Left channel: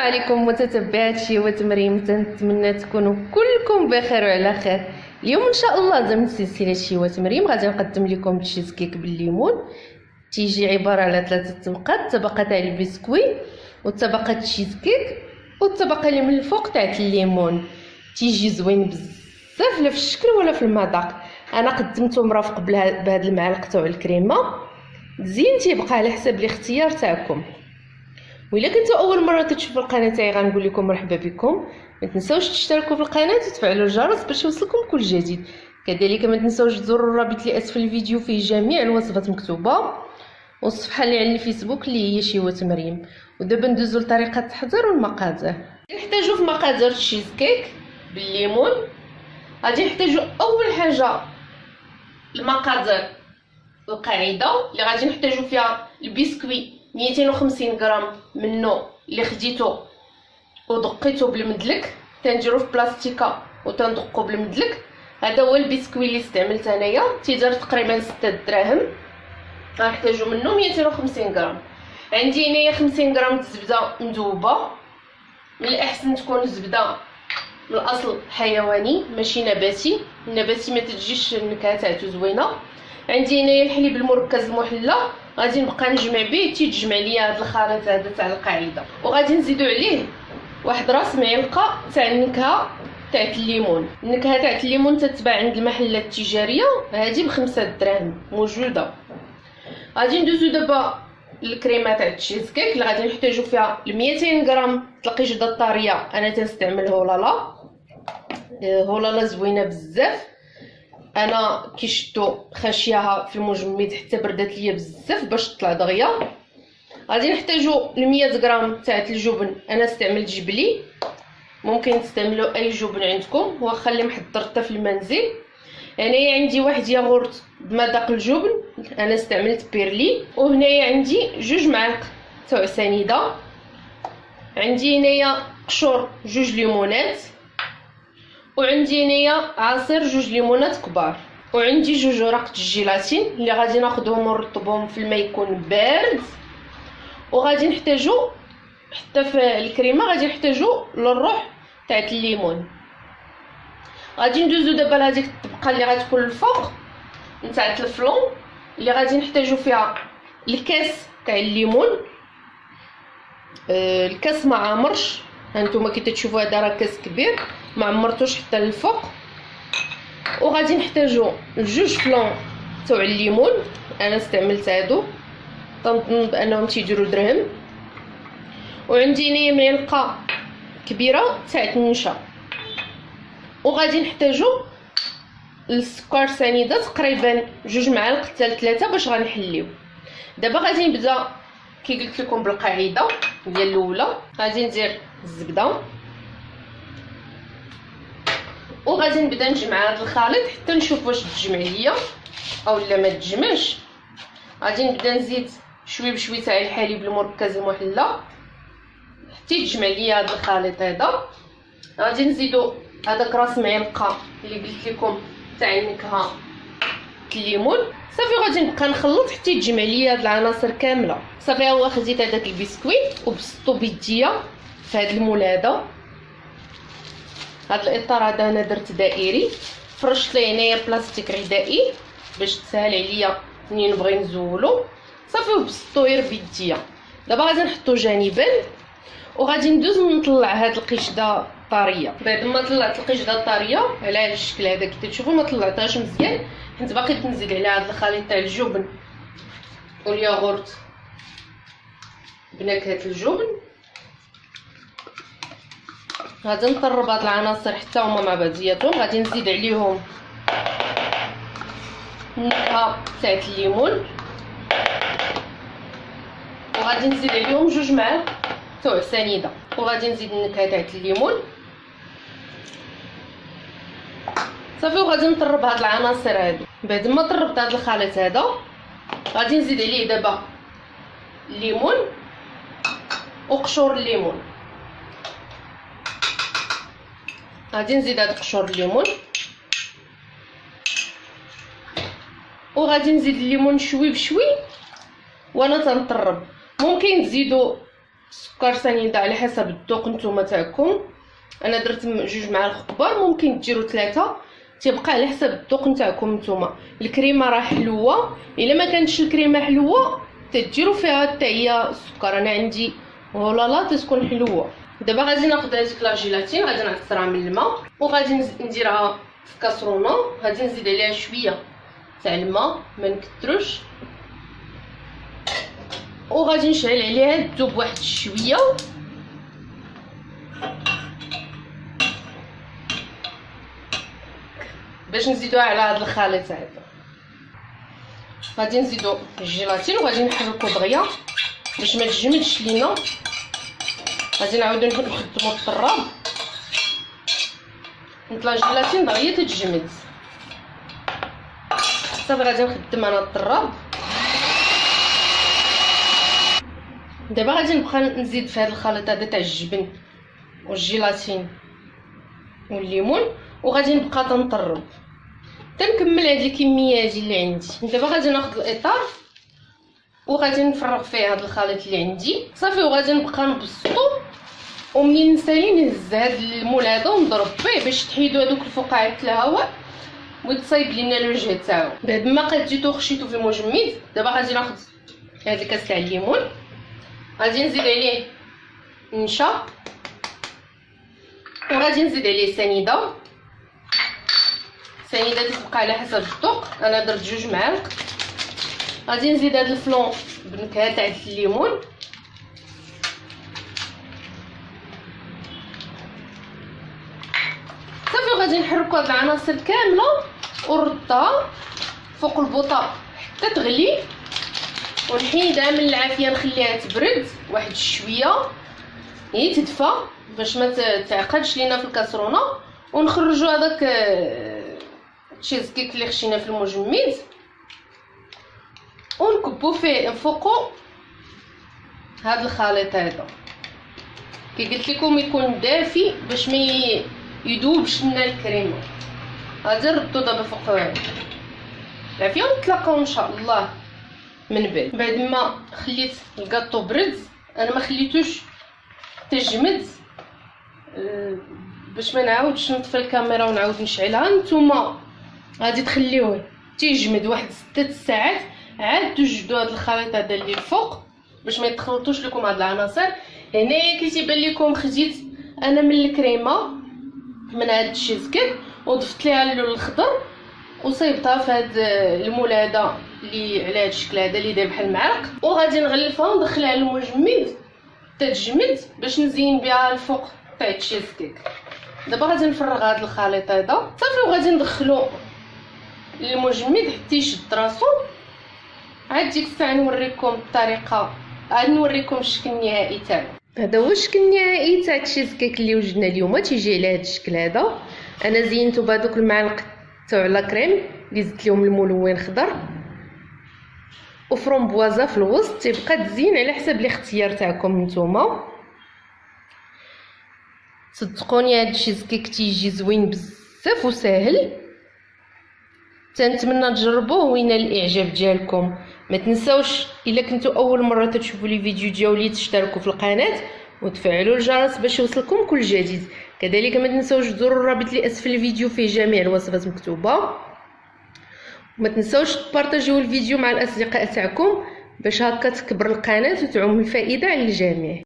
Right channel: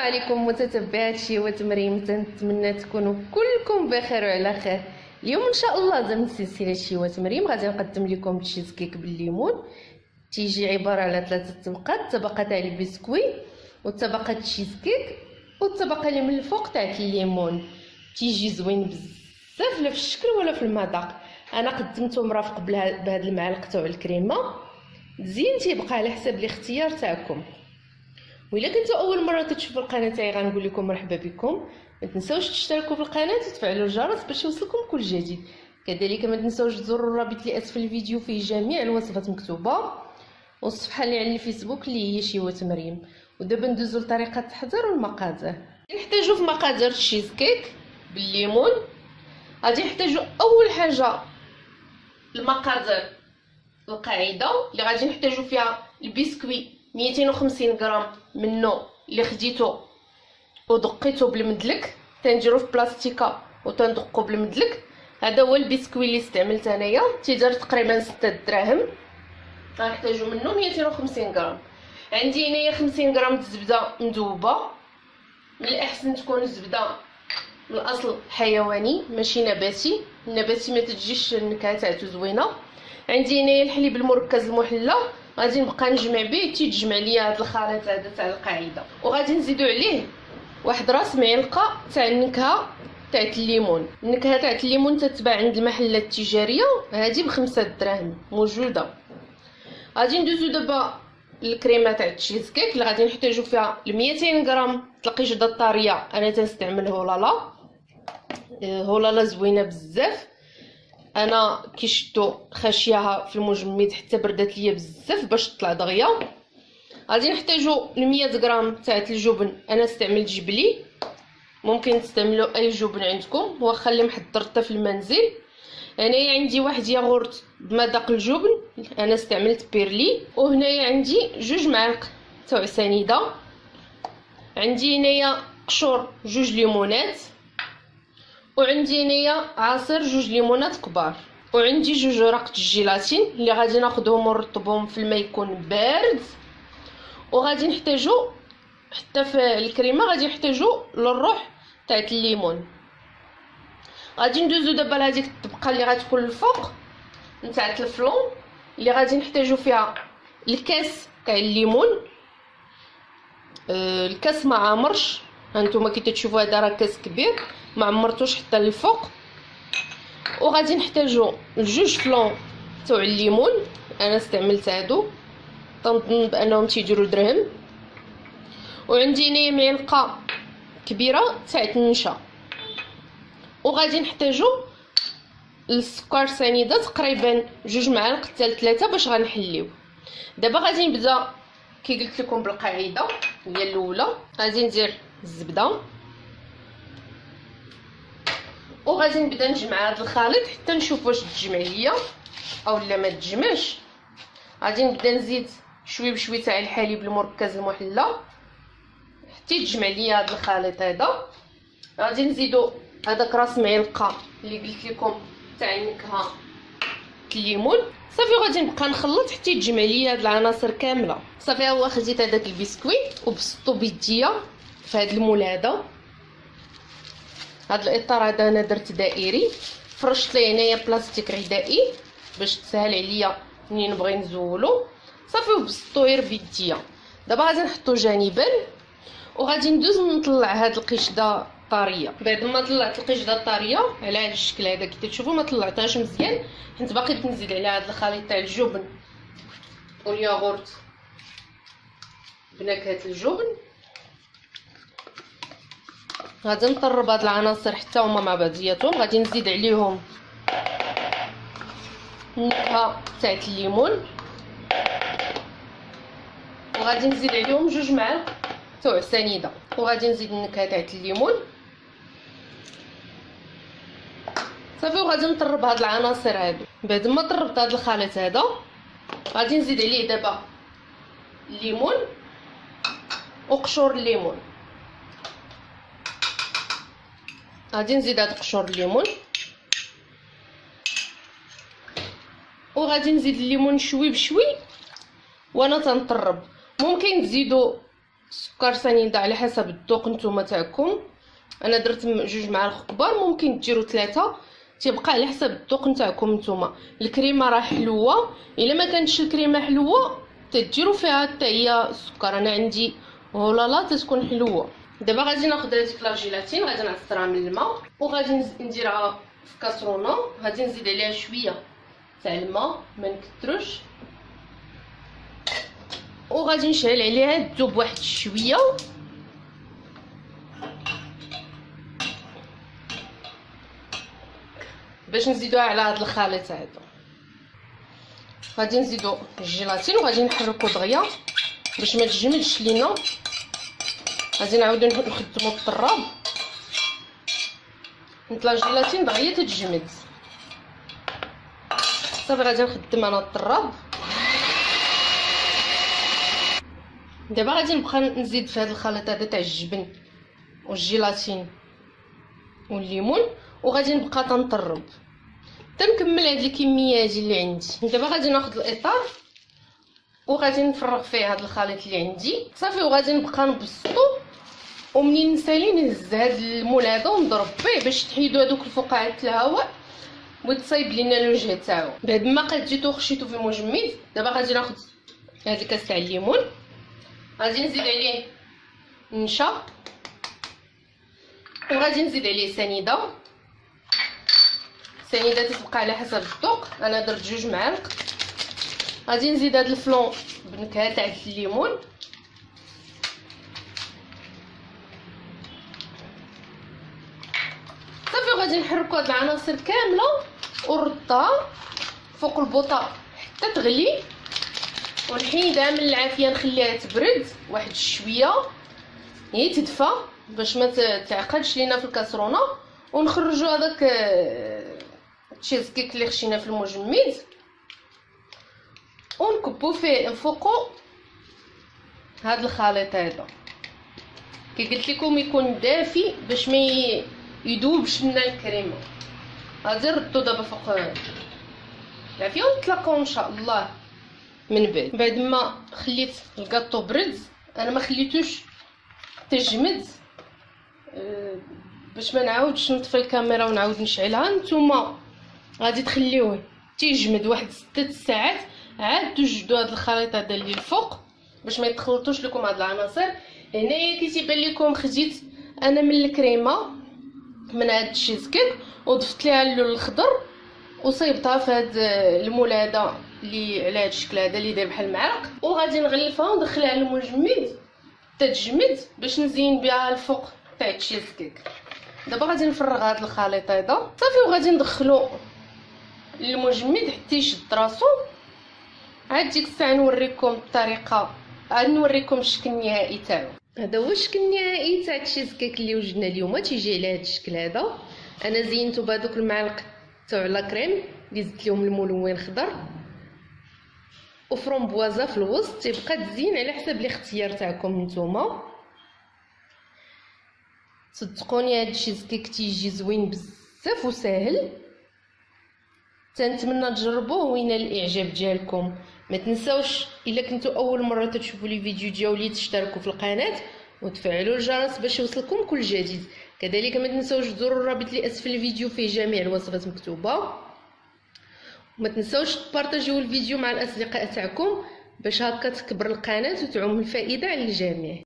عليكم متتبعات شيوة مريم، تنتمنى تكونوا كلكم بخير وعلى خير. اليوم ان شاء الله ضمن سلسله شيوة مريم غادي نقدم لكم تشيز كيك بالليمون. تيجي عباره على 3 طبقات: طبقه تاع البسكوي وطبقه تشيز كيك والطبقه اللي من الفوق تاع الليمون. تيجي زوين بزاف لا في الشكل ولا في المذاق. انا قدمته مرافق بهاد المعلقه تاع الكريمه. زين تيبقى على حسب الاختيار تاعكم. وإلا كنتو اول مره كتشوفوا القناه تاعي غنقول لكم مرحبا بكم. ما تنساوش تشتركوا في القناه وتفعلوا الجرس باش يوصلكم كل جديد. كذلك ما تنساوش تزوروا الرابط اللي اسفل الفيديو، فيه جميع الوصفات مكتوبه، والصفحه اللي على الفيسبوك اللي هي شيوة مريم. ودابا ندوزو لطريقه التحضير والمقادير. نحتاجو في مقادير الشيز كيك بالليمون. غادي نحتاجو اول حاجه المقادير القاعده اللي غادي نحتاجو فيها: البسكوي 250 غرام منه اللي خديته ودقيته بالمدلك، تنديرو في بلاستيكه وتندقو بالمدلك. هذا هو البسكوي اللي استعملت انايا، تيدار تقريبا 6 دراهم. غنحتاجو منه 250 غرام. عندي هنايا 50 غرام الزبده مذوبه. من الاحسن تكون الزبده من الاصل حيواني ماشي نباتي. النباتي ما تجيش النكهه تاعته زوينه. عندي هنايا الحليب المركز المحلى، غادي نبقى نجمع به، تيتجمع ليا هذا الخليط هذا تاع القاعده. وغادي نزيدو عليه واحد راس معلقه تاع النكهه تاع الليمون. النكهه تاع الليمون تتباع عند المحلات التجاريه، هذه ب5 دراهم موجوده. غادي ندوزو دابا الكريمه تاع التشيز كيك اللي غادي نحتاجو فيها 200 غرام القشده الطريه. انا تنستعمل هولالا. هولالا زوينه بزاف. انا كيشدو خاشياها في المجمد حتى بردات ليا بزاف باش تطلع دغيا. غادي نحتاجو 100 غرام تاع الجبن. انا استعملت جبلي، ممكن تستعملوا اي جبن عندكم واخا اللي محضرته في المنزل. هنايا عندي واحد ياغورت بمذاق الجبن، انا استعملت بيرلي. وهنايا عندي 2 معالق تاع سنيده. عندي هنايا قشور 2 ليمونات. وعندي هنايا عصير 2 ليمونات كبار. وعندي 2 ورق الجيلاتين اللي غادي ناخذهم ونرطبهم في الماء يكون بارد. وغادي نحتاجو حتى في الكريمه غادي نحتاجو للروح تاع الليمون. غادي ندوزو دابا لهاديك الطبقه اللي غتكون الفوق نتاع الفلون اللي غادي نحتاجو فيها الكاس تاع الليمون. الكاس ما عامرش، هانتوما كي تشوفوا هذا راه كاس كبير ما عمرتوش حتى للفوق. وغادي نحتاجو 2 فلون تاع الليمون، انا استعملت هادو تنظن بانهم تيديروا درهم. وعندي هنايا معلقه كبيره تاع النشا. وغادي نحتاجو السكر سنيده تقريبا 2 معالق حتى 3 باش غنحليو. دابا غادي نبدا كي قلت لكم بالقاعده هي الاولى. غادي ندير الزبده وغادي نبدا نجمع هذا الخليط حتى نشوف واش تجمع ليا او لا ما تجمعش. غادي نبدا نزيد شوي بشوي تاع الحليب المركز المحلى حتى يتجمع ليا هذا الخليط هذا. غادي نزيدو هذاك راس معلقه اللي قلت لكم تاع النكهه الليمون. صافي غادي نبقى نخلط حتى يتجمع ليا هاد العناصر كامله. صافي ها هو خديت هذاك البسكوي وبسطو بيديا في هذا المول هذا. هذا الاطار هذا انا درت دائري، فرشت ليه هنايا بلاستيك غذائي باش تسهل عليا منين نبغي نزولو. صافي وبسطو غير بيديا. دابا غادي نحطو جانبا وغادي ندوز نطلع هاد القشده طريه. بعد ما طلعت القشده الطريه على هذا الشكل هذا كي تشوفوا ما طلعتهاش مزيان حيت باقي تنزل على هذا الخليط تاع الجبن والياغورت بنكهه الجبن. غادي نطرب هاد العناصر حتى هما مع بعضياتهم. غادي نزيد عليهم النكهه تاع الليمون وغادي نزيد عليهم 2 معالق تاع سنيده. وغادي نزيد النكهه تاع الليمون صافي. وغادي نطرب هاد العناصر هادو. بعد ما طربت هاد الخليط هذا غادي نزيد عليه دابا الليمون وقشور الليمون. غادي نزيد هاد قشور الليمون وغادي نزيد الليمون شوي بشوي وانا تنطرب. ممكن تزيدوا السكر سنيده على حسب الذوق نتوما تاعكم. انا درت 2 معالق كبار، ممكن ديروا 3، تيبقى على حسب الذوق نتاعكم نتوما. الكريمه راه حلوه، الا ما كانتش الكريمه حلوه تديروا فيها حتى هي السكر. انا عندي ولالا تتكون حلوه. دابا غادي ناخذ هذيك لا جيلاتين، غادي نعصرها من الماء وغادي نديرها في كاسرونه. غادي نزيد عليها شويه تاع الماء، ما نكثروش، وغادي نشعل عليها تذوب واحد شويه. باش نزيدوها على هذا الخليط هذا غادي نزيدو الجيلاتين وغادي نحركو دغيا باش ما تجمدش لينا. غادي نعاودو نخدمو الطراب. نطلع الجيلاتين دغيا تتجمد صافي. غادي نخدم انا الطراب. دابا غادي نبقى نزيد في هذا الخليط هذا تاع الجبن والجيلاتين والليمون، وغادي نبقى تنطرب تنكمل هاد الكميه هذه اللي عندي. دابا غادي ناخذ الاطار وغادي نفرغ فيه هذا الخليط اللي عندي صافي، وغادي نبقى نبسطو. ومنين نسالي نهز هاد المول هذا ونضرب فيه باش تحيدو هذوك الفقاعات الهواء وتصايب لينا الوجه تاعو. بعد ما قديتو خشيتو في المجمد، دابا غادي ناخذ هذا الكاس تاع الليمون، غادي نزيد عليه نشا، وغادي نزيد عليه سنيده. سنيده تتبقى على حسب الذوق، انا درت 2 معالق. غادي نزيد هذا الفلون بنكهه تاع الليمون، صافي. وغادي نحركو هاد العناصر كامله ونردها فوق البوطه حتى تغلي، ونحيدها من العافيه نخليها تبرد واحد شويه هي تدفى باش ما تعقدش لينا في الكاسرونه. ونخرجوا هذاك التشيز كيك اللي خشينا في المجمد ونكبو فيه نفوقو هذا الخليط هذا. كي قلت لكم يكون دافي باش ما يذوبش لنا الكريمه. غادي نردو دابا فوق العافيه ونتلاقاو ان شاء الله من بعد ما خليت الكاطو برد. انا ما خليتوش تجمد باش ما نعاودش نطفي الكاميرا ونعاود نشعلها. نتوما غادي تخليوه تيجمد واحد 6 ساعات، عاد توجدوا هذا الخليط هذا اللي الفوق باش ما يتخلطوش لكم هاد العناصر. هنايا كيتيبان لكم خديت انا من الكريمه من هاد التشيز كيك وضفت ليها اللون الخضر وصيبتها في هاد المول هذا اللي على هاد الشكل هذا اللي داير بحال المعلق، وغادي نغلفها وندخلها للمجمد تتجمد باش نزين بها الفوق تاع التشيز كيك. دابا غادي نفرغ هذا الخليط هذا صافي وغادي ندخلو للمجمد حتى يشد راسو. عاد ديك الساعه نوريكم الطريقه، عاد نوريكم الشكل النهائي تاعو. هذا هو الشكل النهائي تاع التشيز كيك اللي وجدنا اليوم، تيجي على هذا الشكل هذا. انا زينته بهذوك المعالق تاع لا كريم اللي زدت لهم الملون خضر وفرomboise في الوسط. تيبقى تزين على حسب الاختيار تاعكم نتوما. صدقوني هاد التشيز كيك تيجي زوين بزاف وساهل، تنتمنى تجربوه وينال الاعجاب ديالكم. ما تنساوش الا كنتو اول مره تشوفوا لي فيديو ديالي تشتركوا في القناه وتفعلوا الجرس باش يوصلكم كل جديد. كذلك ما تنساوش تزوروا الرابط اللي اسفل الفيديو فيه جميع الوصفات مكتوبه. وما تنساوش تبارطاجيو الفيديو مع الاصدقاء تاعكم باش هكا تكبر القناه وتعم الفائده على الجميع.